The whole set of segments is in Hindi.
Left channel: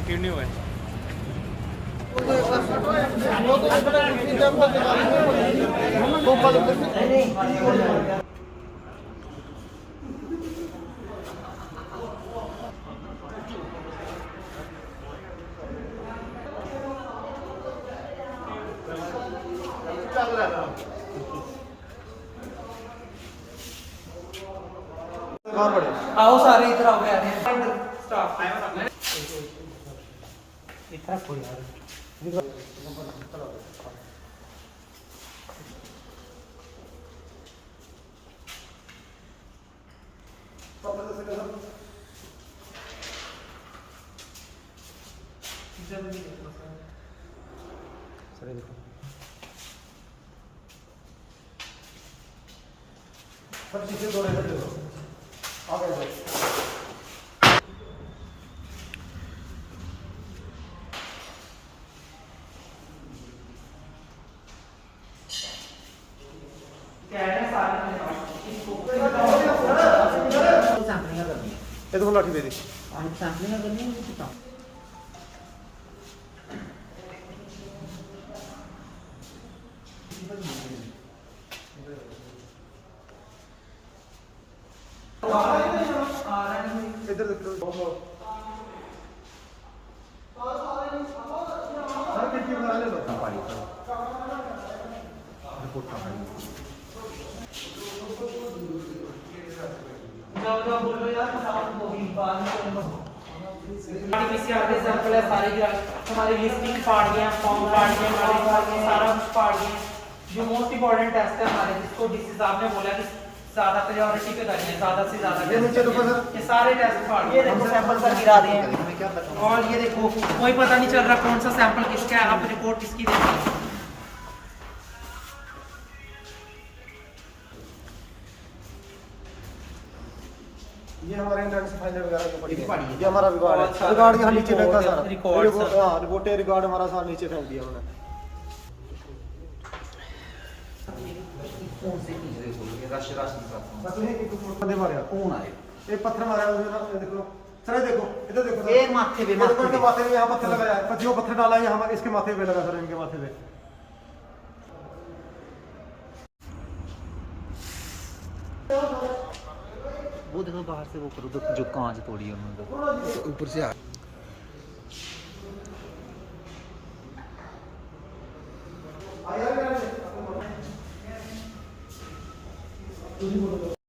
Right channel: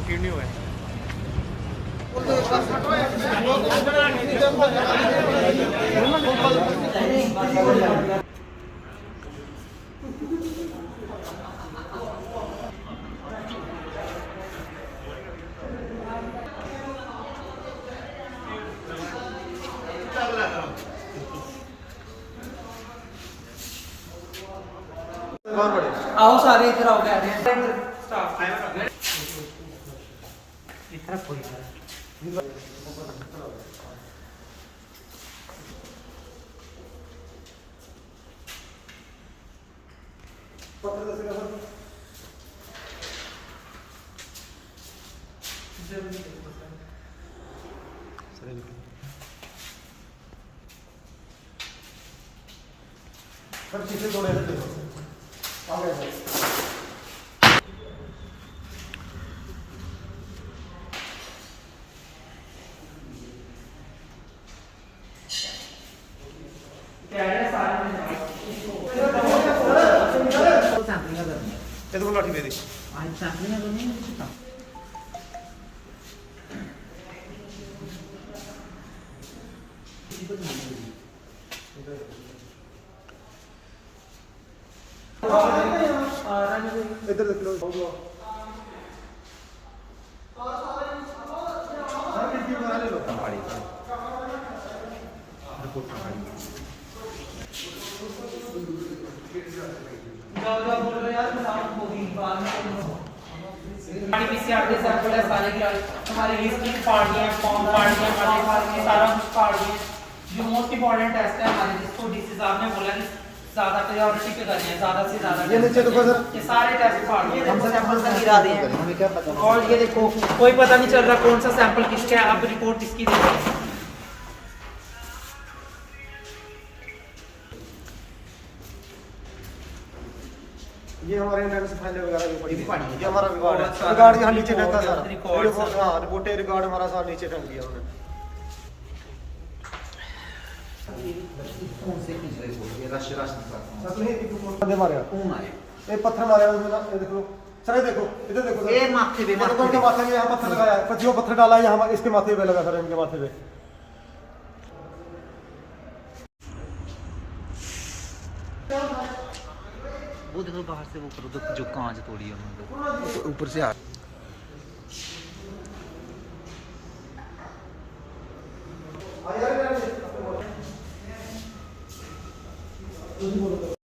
कंटिन्यू है। आओ सारे इधर आओ क्या है स्टाफ इतना कोई सब चीजें जोड़े हैं देखो आ गए भाई ये तो लाठी दे दी आज सैंपलिंग करनी है कुछ काम इधर देख लो बोल रहे यार वो भी बाद में पीसीआर के सैंपल है सारे की हमारी लिस्टिंग पार्ट गए हैं फॉर्म पार्ट गए हमारे पार्ट गए सारा कुछ पार्ट गए जो मोस्ट इंपॉर्टेंट टेस्ट है हमारे जिसको डीसी साहब ने बोला कि ज्यादा प्रायोरिटी पे करनी है ज्यादा से ज्यादा ये सारे टेस्ट पार्ट ये देखो सैंपल गिरा दिए हैं और ये देखो कोई पता नहीं चल रहा कौन सा सैंपल किसका है आप रिपोर्ट इसकी देखो ये हमारे इंडेक्स फाइल वगैरह ये हमारा रिकॉर्ड यहाँ नीचे रहता था रिपोर्ट रिकॉर्ड हमारा सब नीचे रख दिया हमने बंदे मारे कौन आए ये पत्थर मारे ये देख लो सर देखो इधर देखो ये माथे पे इनके माथे में यहाँ पत्थर लगाया पतियों पत्थर डाला यहाँ इसके माथे पे लगा सर इनके माथे पे वो देखो बाहर से वो जो कांच तोड़ी है उन्होंने ऊपर से आ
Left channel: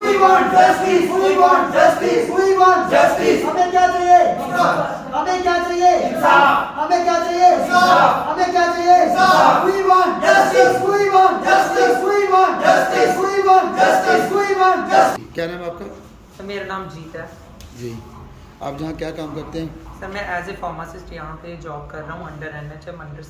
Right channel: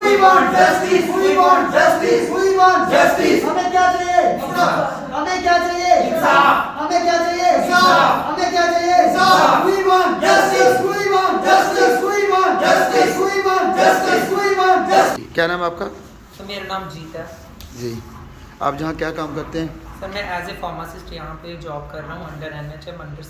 We want justice. We want justice. We want justice. हमें क्या चाहिए? हमें क्या चाहिए? इंसाफ. हमें क्या चाहिए? इंसाफ. हमें क्या चाहिए? इंसाफ. We want justice. We want justice. We want justice. We want justice. We want justice. क्या नाम है आपका? तो मेरा नाम जीत है जी, आप जहाँ क्या काम करते हैं? सर मैं एज ए फार्मासिस्ट यहाँ पे जॉब कर रहा हूँ अंडर NHM अंडर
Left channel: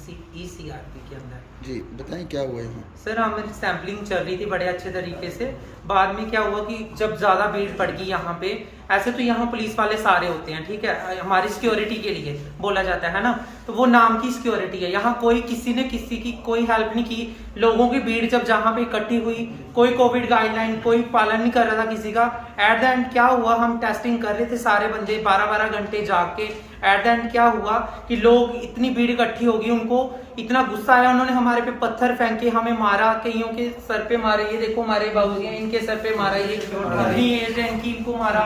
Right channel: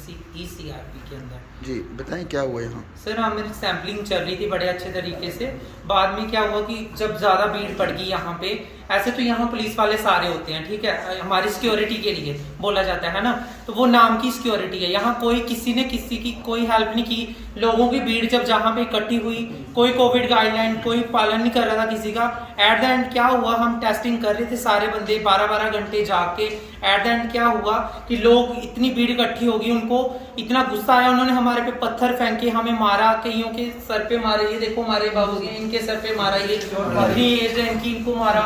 ECRP के अंदर। जी बताएं क्या हुआ यहाँ? सर हमारी सैम्पलिंग चल रही थी बड़े अच्छे तरीके से। बाद में क्या हुआ कि जब ज़्यादा भीड़ पड़ गई यहाँ पे, ऐसे तो यहाँ पुलिस वाले सारे होते हैं, ठीक है, हमारी सिक्योरिटी के लिए बोला जाता है ना, तो वो नाम की सिक्योरिटी है। यहाँ कोई किसी ने किसी की कोई हेल्प नहीं की। लोगों की भीड़ जब जहाँ पे इकट्ठी हुई, कोई कोविड गाइडलाइन कोई पालन नहीं कर रहा था किसी का। एट द एंड क्या हुआ, हम टेस्टिंग कर रहे थे सारे बंदे 12-12 घंटे जाग के। एट द एंड क्या हुआ कि लोग इतनी भीड़ इकट्ठी होगी, उनको इतना गुस्सा आया, उन्होंने हमारे पे पत्थर फेंके, हमें मारा, कईयों के सर पे मारे। ये देखो हमारे बाबूजी हैं, इनके सर पे मारा, ये अपनी एज है इनकी, इनको मारा,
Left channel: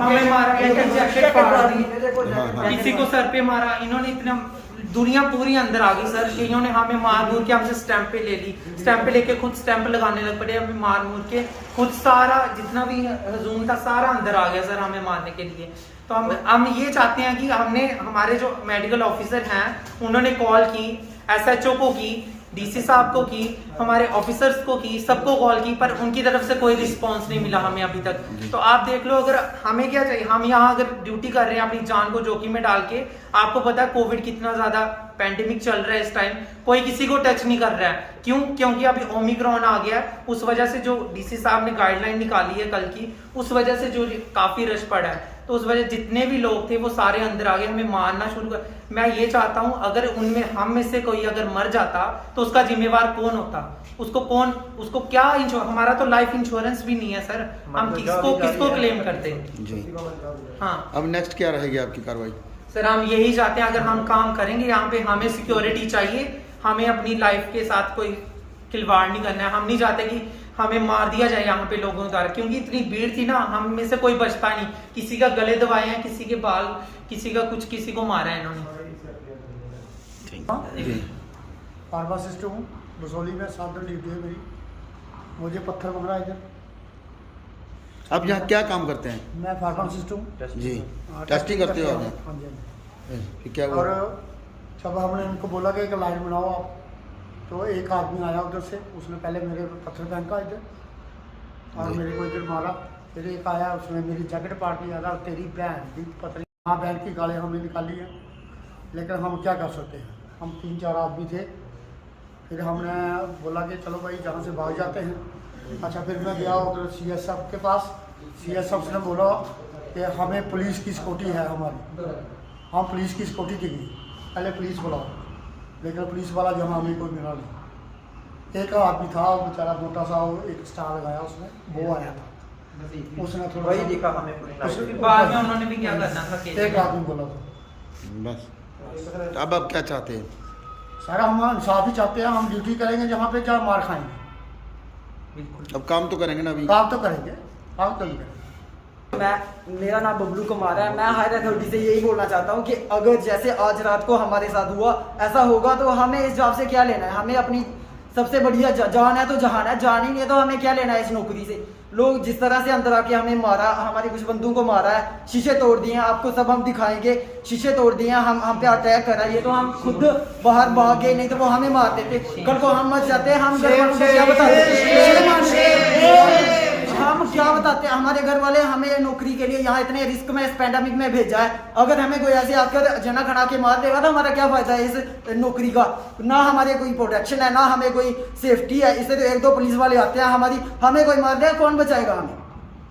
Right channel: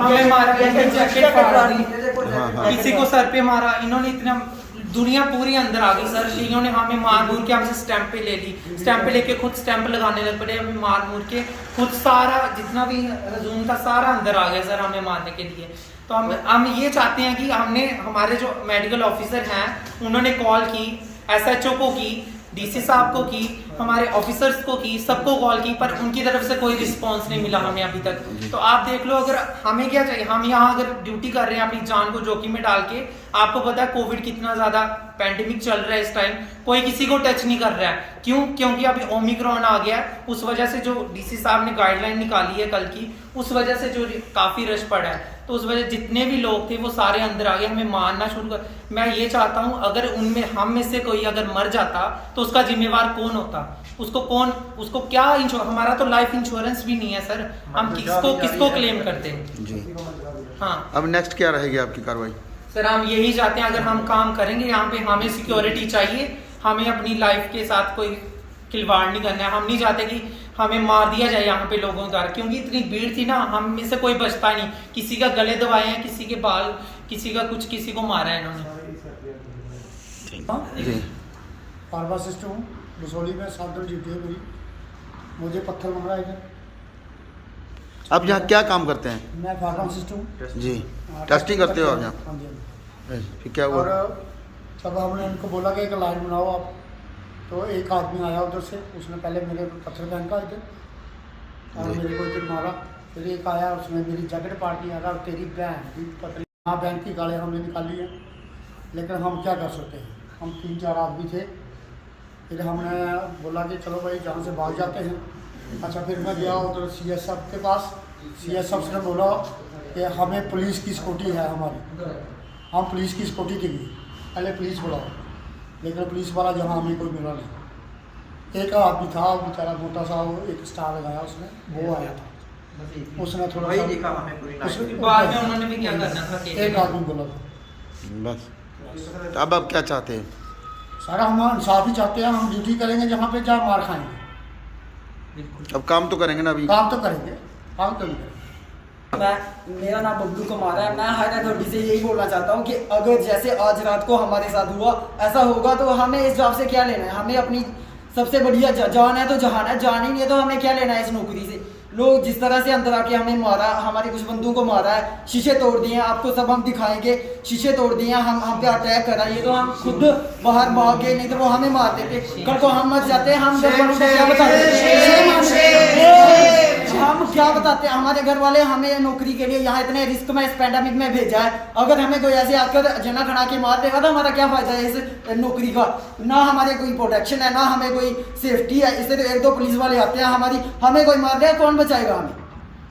हमें मारा, जैकेट फाड़ दी, किसी को सर पे मारा। इन्होंने इतना दुनिया पूरी अंदर आ गई सर। इन्होंने हमें मार मूर के हमसे स्टैंप पे ले ली, स्टैंप पे लेके खुद स्टैंप लगाने लग पड़े, हमें मार मूर के खुद सारा जितना भी हजूम था सारा अंदर आ गया सर हमें मारने के लिए। तो हम ये चाहते हैं कि हमने हमारे जो मेडिकल ऑफिसर हैं उन्होंने कॉल की, SHO को की, DC साहब को की, हमारे ऑफिसर्स को की, सबको कॉल की, पर उनकी तरफ से कोई रिस्पांस नहीं मिला हमें अभी तक। तो आप देख लो, अगर हमें क्या चाहिए, हम यहाँ अगर ड्यूटी कर रहे हैं अपनी जान को जोखिम में डाल के। आपको पता है कोविड कितना ज्यादा पैंडेमिक चल रहा है इस टाइम, कोई किसी को टच नहीं कर रहा है। क्यों? क्योंकि अभी ओमिक्रॉन आ गया है, उस वजह से जो DC साहब ने गाइडलाइन निकाली है कल की, उस वजह से जो काफी रश पड़ा है, तो उस वजह जितने भी लोग थे वो सारे अंदर आ गए, हमें मारना शुरू कर। मैं ये चाहता हूं अगर उनमें हम में से कोई अगर मर जाता तो उसका जिम्मेवार कौन होता? उसको क्या हमारा तो लाइफ इंश्योरेंस भी नहीं है सर, हम किसको क्लेम करते हैं? जी हाँ, अब नेक्स्ट क्या रहेगी आपकी कार्रवाई? सर हम यही चाहते हैं, अगर हम काम करेंगे यहाँ पे हमें सिक्योरिटी चाहिए, हमें अपनी लाइफ के साथ कोई खिलवाड़ नहीं करना है। हम नहीं चाहते कि हमें मार दिया जाए यहाँ पे लोगों का, क्योंकि इतनी भीड़ थी ना, हम में से कोई बचता नहीं। किसी का गले दबाए हैं, किसी के बाल, किसी का कुछ, किसी को मारा है इन्होंने। जी फार्मासिस्ट हूँ, बसोली में 7 दिन ड्यूटी है मेरी। मुझे पत्थर मारा है इधर। आप यहाँ क्या काम करते हैं? मैं फार्मासिस्ट हूँ। जी टेस्टिंग करते हो आप यहाँ? हाँ जी। फिर क्या हुआ? और जब हमने उनको बोला कि एक लाइन बनाओ आप, तो एक आदमी आया उधर से, उसने पहले मेरे पत्थर फेंका इधर और जी। मेरे को इधर मारा। फिर एक आया, उसने मेरी जैकेट पाड़ दिया था, तेरी बहन की पतली। हाँ, बैंक की गाली हमने निकाली है, लेकिन हम क्या कर सकते हैं, हम 3-4 आदमी थे। फिर हमने बोला कि चलो भाई जहाँ से भाग जाते हैं। अच्छा, फिर मैं गया उधर CS साहब के पास। CS साहब ने बोला कि हमें पुलिस की सिक्योरिटी है हमारी, हम पुलिस की सिक्योरिटी के लिए पहले पुलिस बुलाओ, लेकिन पुलिस वाला जहाँ हमें कोई मिला नहीं। एक आदमी था, वो बेचारा मोटा सा, वो एक स्टार लगाया उसने, वो आया था, उसने थोड़ा सा बाद में उन्होंने भी क्या करना था, एक आदमी बोला था। बस तो अब आप क्या चाहते हैं? सारा हम इंसाफ ही चाहते हैं, हम ड्यूटी करेंगे जहाँ पे जहाँ मार खाएंगे। अब काम तो करेंगे ना अभी? काम तो करेंगे, काम तो नहीं करेंगे। मेरा नाम बबलू कुमार है। मैं हायर अथॉरिटी से यही बोलना चाहता हूँ कि अगर जैसे आज रात को हमारे साथ हुआ, ऐसा होगा तो हमें इस जॉब से क्या लेना है। हमें अपनी सबसे बढ़िया जान है तो जहान है, जान ही नहीं है तो हमें क्या लेना है इस नौकरी से। लोग जिस तरह से अंदर आके हमें मारा, हमारे कुछ बंदों को मारा है, शीशे तोड़ दिए हैं, आपको सब हम दिखाएंगे, शीशे तोड़ दिए हैं, हम पे अटैक करा, ये तो हम खुद बाहर भाग गए, नहीं तो वो हमें मार देते। कल को हम मर जाते, हम घर वालों को क्या बताते? हम क्या बताते? हमारे घर वाले हमें नौकरी के लिए यहाँ इतने रिस्क में इस पैंडेमिक में भेजा है, अगर हमें कोई ऐसे आकर जना खड़ा के मार देगा तो हमारा क्या फायदा है इस नौकरी का? ना हमारे कोई प्रोटेक्शन है, ना हमें कोई सेफ्टी है। इससे तो 1-2 पुलिस वाले आते हैं, हमें कोई मार देगा, कौन बचाएगा हमें?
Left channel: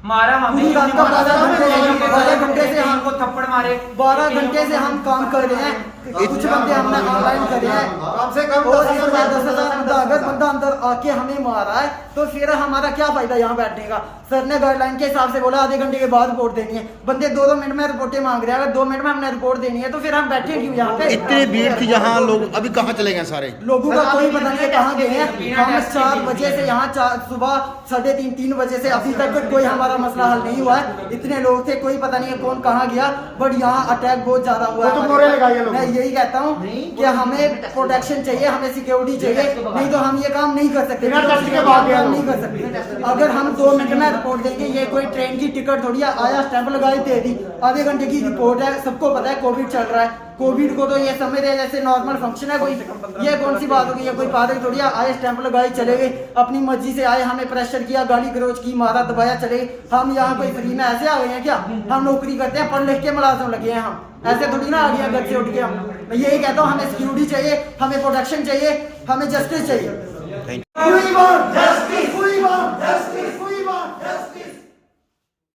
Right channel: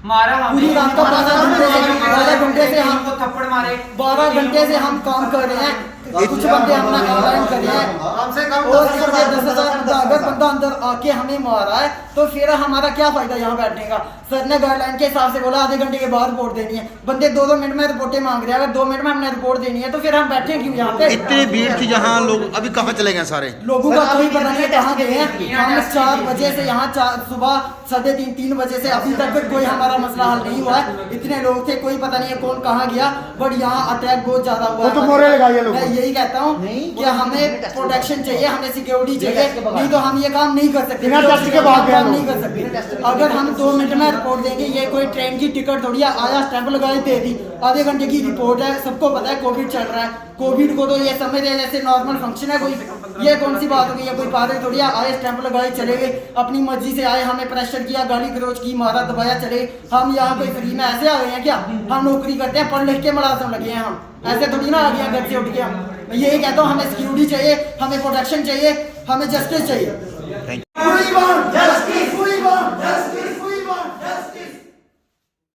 मारा हमें पूरी रात का 12 घंटे से हम को थप्पड़ मारे, 12 घंटे से हम काम कर रहे हैं। कुछ बंदे हमने ऑनलाइन करे हैं, कम से कम और इसमें 10,000 बंदा, अगर बंदा अंदर आके हमें मारा है तो फिर हमारा क्या फायदा यहाँ बैठने का? सर ने गाइडलाइन के हिसाब से बोला आधे घंटे के बाद रिपोर्ट देनी है। बंदे 2-2 मिनट में रिपोर्टें मांग रहे हैं, अगर 2 मिनट में हमने रिपोर्ट देनी है तो फिर हम बैठे क्यों यहाँ पे? इतनी भीड़ थी यहाँ, लोग अभी कहाँ चले गए सारे? लोगों का कोई पता नहीं है कहाँ गए हैं। हम 4 बजे से यहाँ, सुबह 3:30-3 बजे से अभी तक कोई हमारा मसला हल नहीं हुआ है। इतने लोग थे, कोई पता नहीं है कौन कहाँ गया, बट यहाँ अटैक बहुत ज्यादा हुआ है। मैं यही कहता हूँ कि हमें प्रोटेक्शन चाहिए, हमें सिक्योरिटी चाहिए, नहीं तो हम ये काम नहीं कर सकते, हम काम नहीं कर सकते। अगर हम 2 मिनट में रिपोर्ट देंगे, ये कोई ट्रेन की टिकट थोड़ी है, आया स्टैंप लगाई दे दी, आधे घंटे की रिपोर्ट है। सबको पता है कोविड चल रहा है, कोविड को तो ये समझ रहे जैसे नॉर्मल फंक्शन है कोई। ये कौन सी बात हो गई? ये कोई पागल थोड़ी है, आए स्टैंप लगाए चले गए, अपनी मर्जी से आए, हमें प्रेशर किया, गाली गलौज की, मारा दबाया, चले। हम यहाँ कोई फ्री में ऐसे आ गए हैं क्या? हम नौकरी करते हैं, पढ़ लिख के मुलाजिम लगे हैं, हम ऐसे थोड़ी ना आ गया घर से उठ के। हम मैं यही कहता हूँ, हमें सिक्योरिटी चाहिए, हमें प्रोटेक्शन चाहिए, हमें जस्टिस चाहिए। Thank you. We want